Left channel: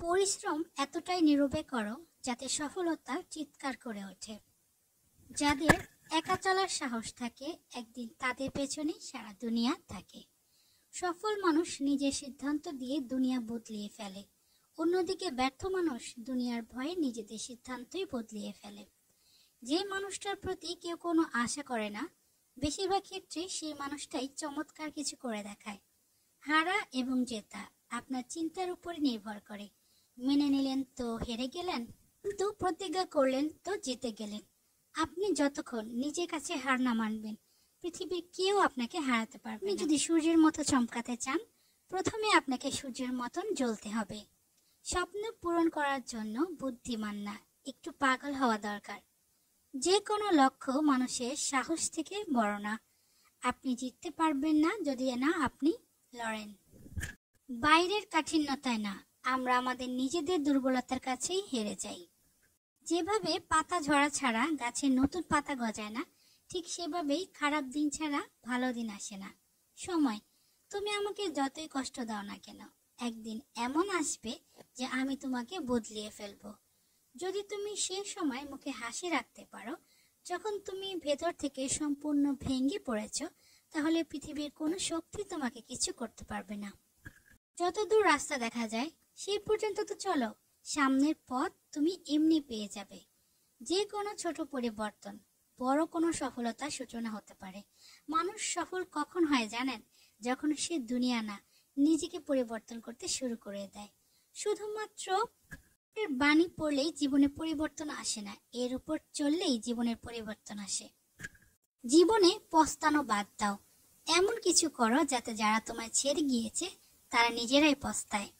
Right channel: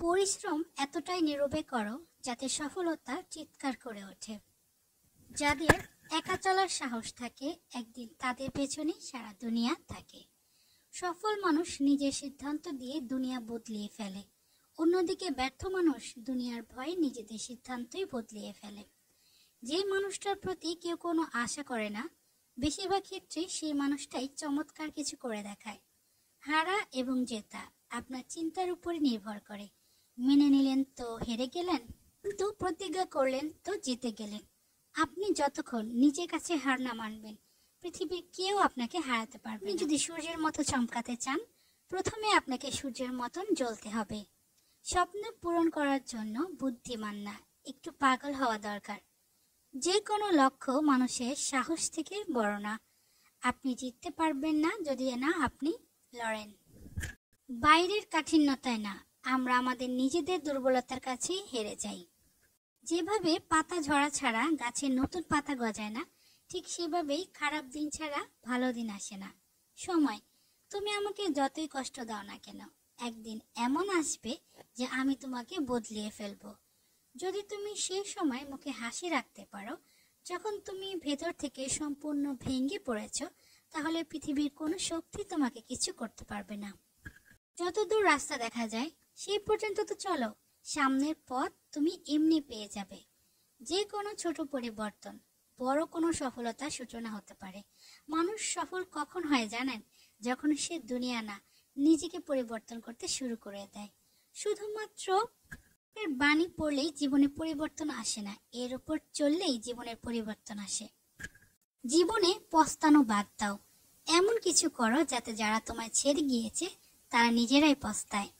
পরিশ্রম এতটাই নীরবে করো যাতে সফলতা চিৎকার করে ওঠে। যাদের একা চলার সাহস থাকে একদিন তাদের পেছনে সারা দুনিয়া থাকে। সফল মানুষ নিজের সিদ্ধান্ত দিয়ে দুনিয়া বদলিয়ে ফেলে, অন্যদিকে ব্যর্থ মানুষ দুনিয়ার ভয়ে নিজেদের সিদ্ধান্তই বদলিয়ে ফেলে। যে মানুষটার প্রতি কেউ কোনো আশা করে না, বেশিরভাগ ক্ষেত্রেই সেই মানুষটাই চমৎকার কিছু করে দেখায়। হারা এবং জেতা আপনার চিন্তার উপরে নির্ভর করে। মেনে নিলেন তো হেরে গেলেন, কিন্তু প্রতিজ্ঞা করলেন তো জিতে গেলেন। আপনি যতক্ষণ নিজের কাছে হার না মানবেন, পৃথিবীর কেউ আপনাকে হারাতে পারবে না। আপনি যদি সূর্যের মতো চমকাতে চান, প্রথমে আপনাকে সূর্যের মতন জ্বলতে হবে। স্বপ্ন পূরণ করার জন্য বুদ্ধিমান না, একটু পাগল হওয়া দরকার। যে কোনো লক্ষ্য মানুষের সাহস থেকে বড় না। আপনি জিততে পারবেন না যদি না আপনি লড়েন। বাইরের কাঠিন্যতায় না, আমরা আমাদের নিজেদের দুর্বলতার কাছেই হেরে যাই। যেভাবে পাতা ঝরা ছাড়া গাছে নতুন পাতা গজায় না, ঠিক সেভাবেই খারাপ দিন ছাড়া ভালো দিন আসে না। সময়, তুমি আমাকে যতই কষ্ট দাও না কেন, একদিন এমন আসবে যে আমি তোমাকে বদলিয়ে ফেলবো। যদি তুমি সে সময় মুখে হাসি রাখতে পারো যখন তুমি ভেতর থেকে সম্পূর্ণ ভেঙে পড়েছ, তাহলে পৃথিবীর কোনো শক্তি তোমাকে কিছু করতে পারবে না। যতদূর রাস্তা দেখা যায় সেই পর্যন্ত তো চলো, সামনের পথ তুমি এমনি পেয়ে যাবে। যে কোনো ছোট পরিবর্তন বড় কোনো সফলতার সূচনা হতে পারে। মানুষ সফল কখন হয় জানেন? যখন সে দুনিয়া না, নিজেকে পরিবর্তন করতে শুরু করে দেয়। শুধুমাত্র বাণী পড়লেই জীবনে পরিবর্তন আসে না, এর উপর চললেই জীবনের পরিবর্তন আসে। জীবনে পস্তানো বাদ দাও, এমন কিছু করো যাতে যারা তোমায় ছেড়ে গিয়েছে তারা নিজেরাই পস্তায়।